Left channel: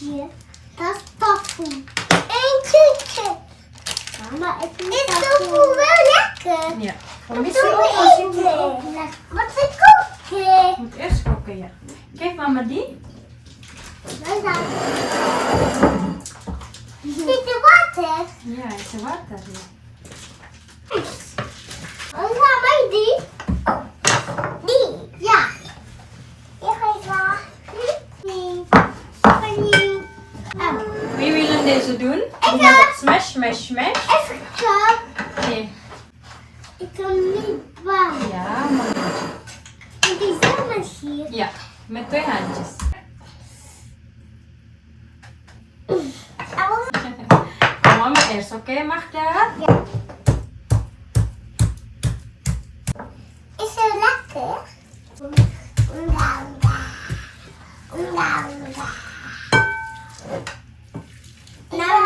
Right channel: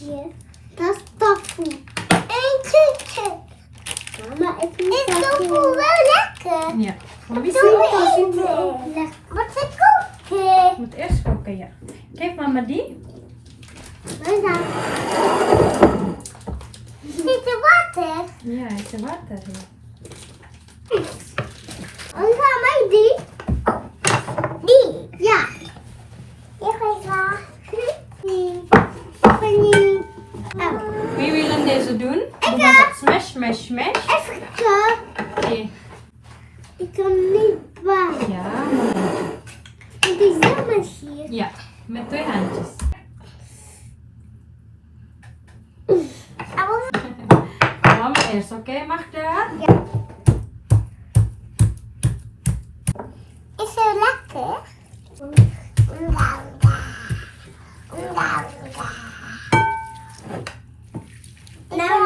hier. Dat is tofu. En chicken. Mama, is tofu wel lekker? Ja. Wat is het? Wat is het koken? Je moet eerst koken, ja. Kijk, mama die. Wat is dat? Zit er water? Ja, is er water. Ja. En ga mij die? Die? Ja. Ik ga wel. Nee. Nee. Wie wil het deze doen? Doe maar dat. Smash, smash, smash. Even kijken. Oké. Ik kan niet bang. Ja, mooi. Het is helemaal hier. Ja, met 2 handjes. Mama eerst, oké? Mag dat? Ja. Is het lekker? Nou.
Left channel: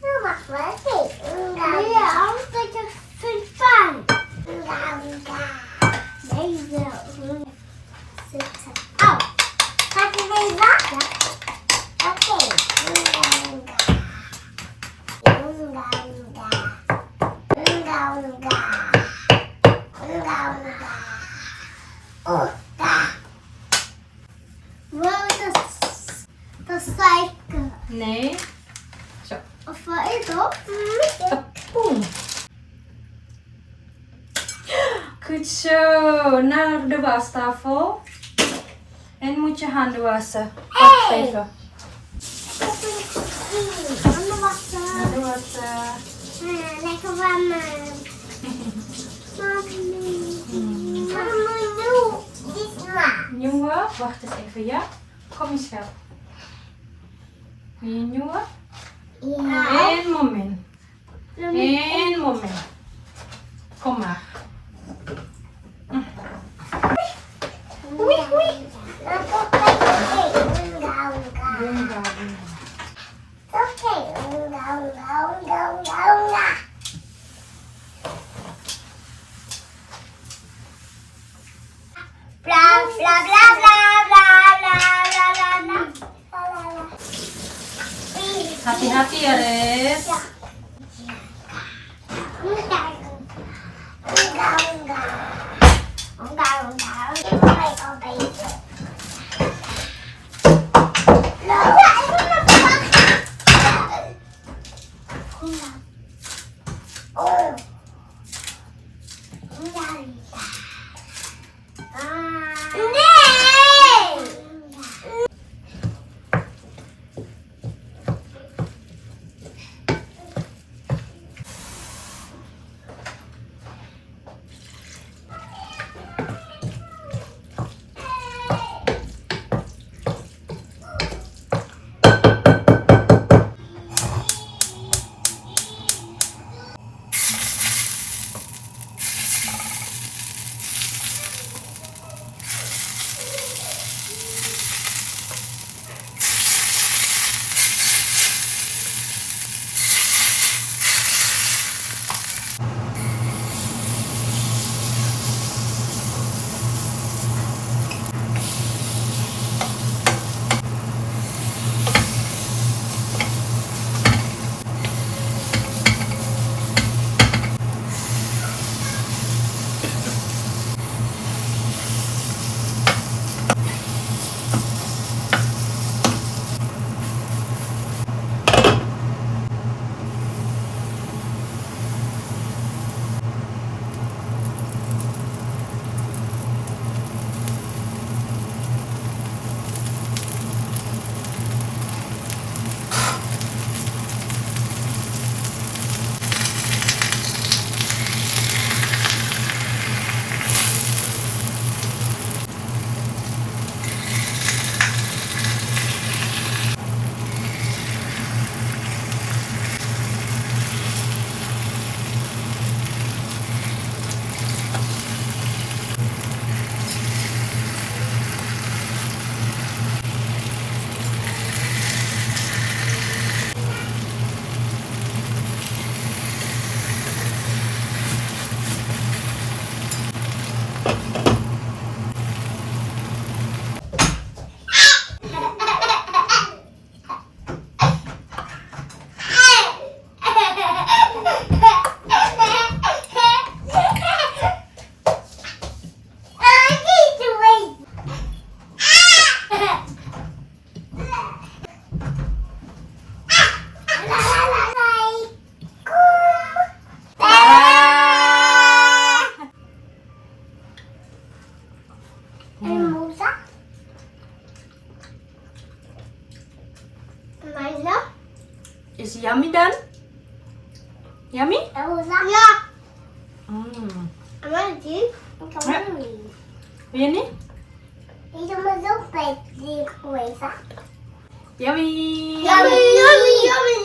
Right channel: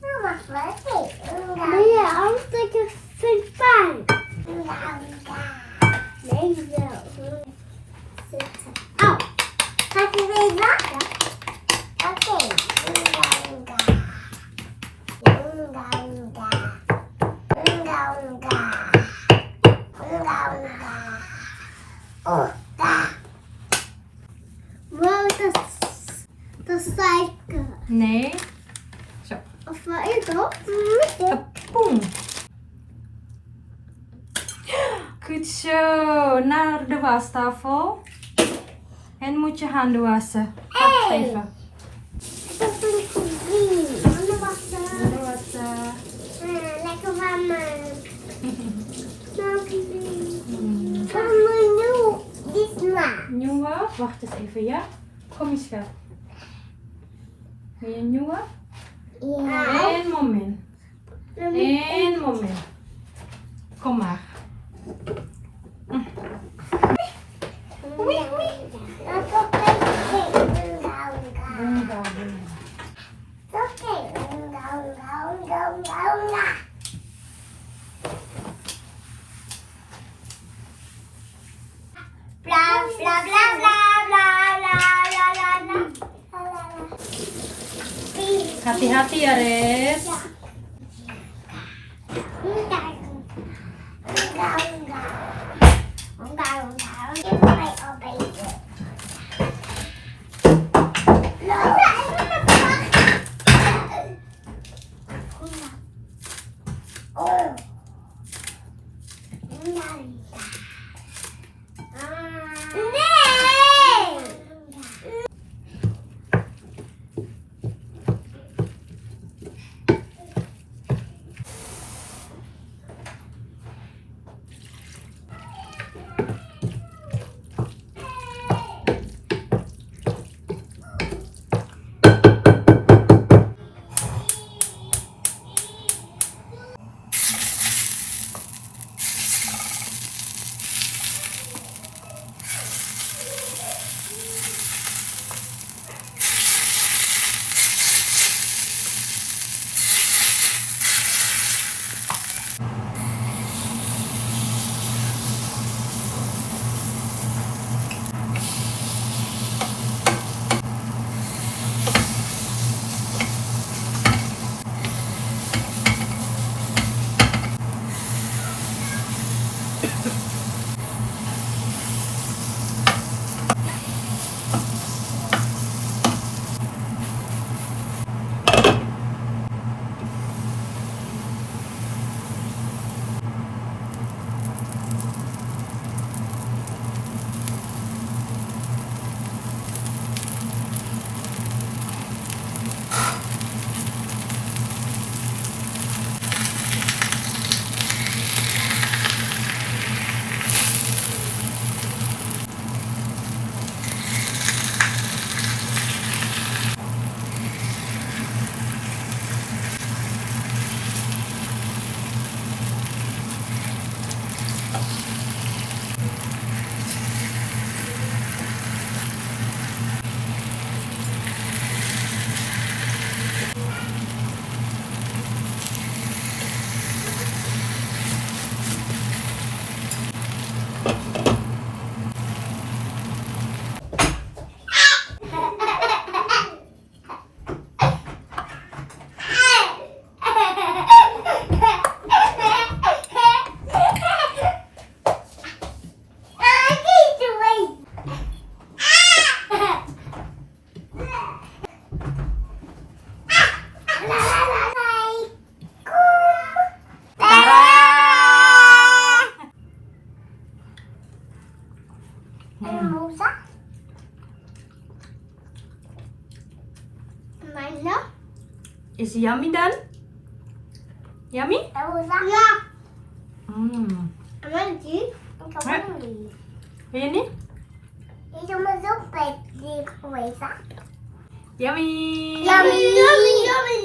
Dat mag wel niet. Nee, anders dat je vindt pijn. Nee, zo. Zitten. Oh, ga ik er even wachten? Oké. Wow, dat is suiker. Nee. Zo. Of wat is dat? Kapoen. Goed zo. Naar de wastafel. En moet je handen wassen. Wacht Hey. even. Dat is een cuisine. Mama, wacht Handen wassen. lekker warm. Waarom nu? Dit maar. Nieuwe. Wacht eens even, ja? Kom eens schat. Wil je een nieuwe? Ja. Eén moment. Eén moment. Kom maar. Bunga, bunga. Bla bla bla bla bla bla bla bla bla. Hati-hati ya, Res. En moza. Mana? Is yummy dan? Yummy? En moza. Ja. Mana sih? Ja. Wil je niet? Ik doe me zo bij die moza. Yummy! Yummy, yummy, yummy.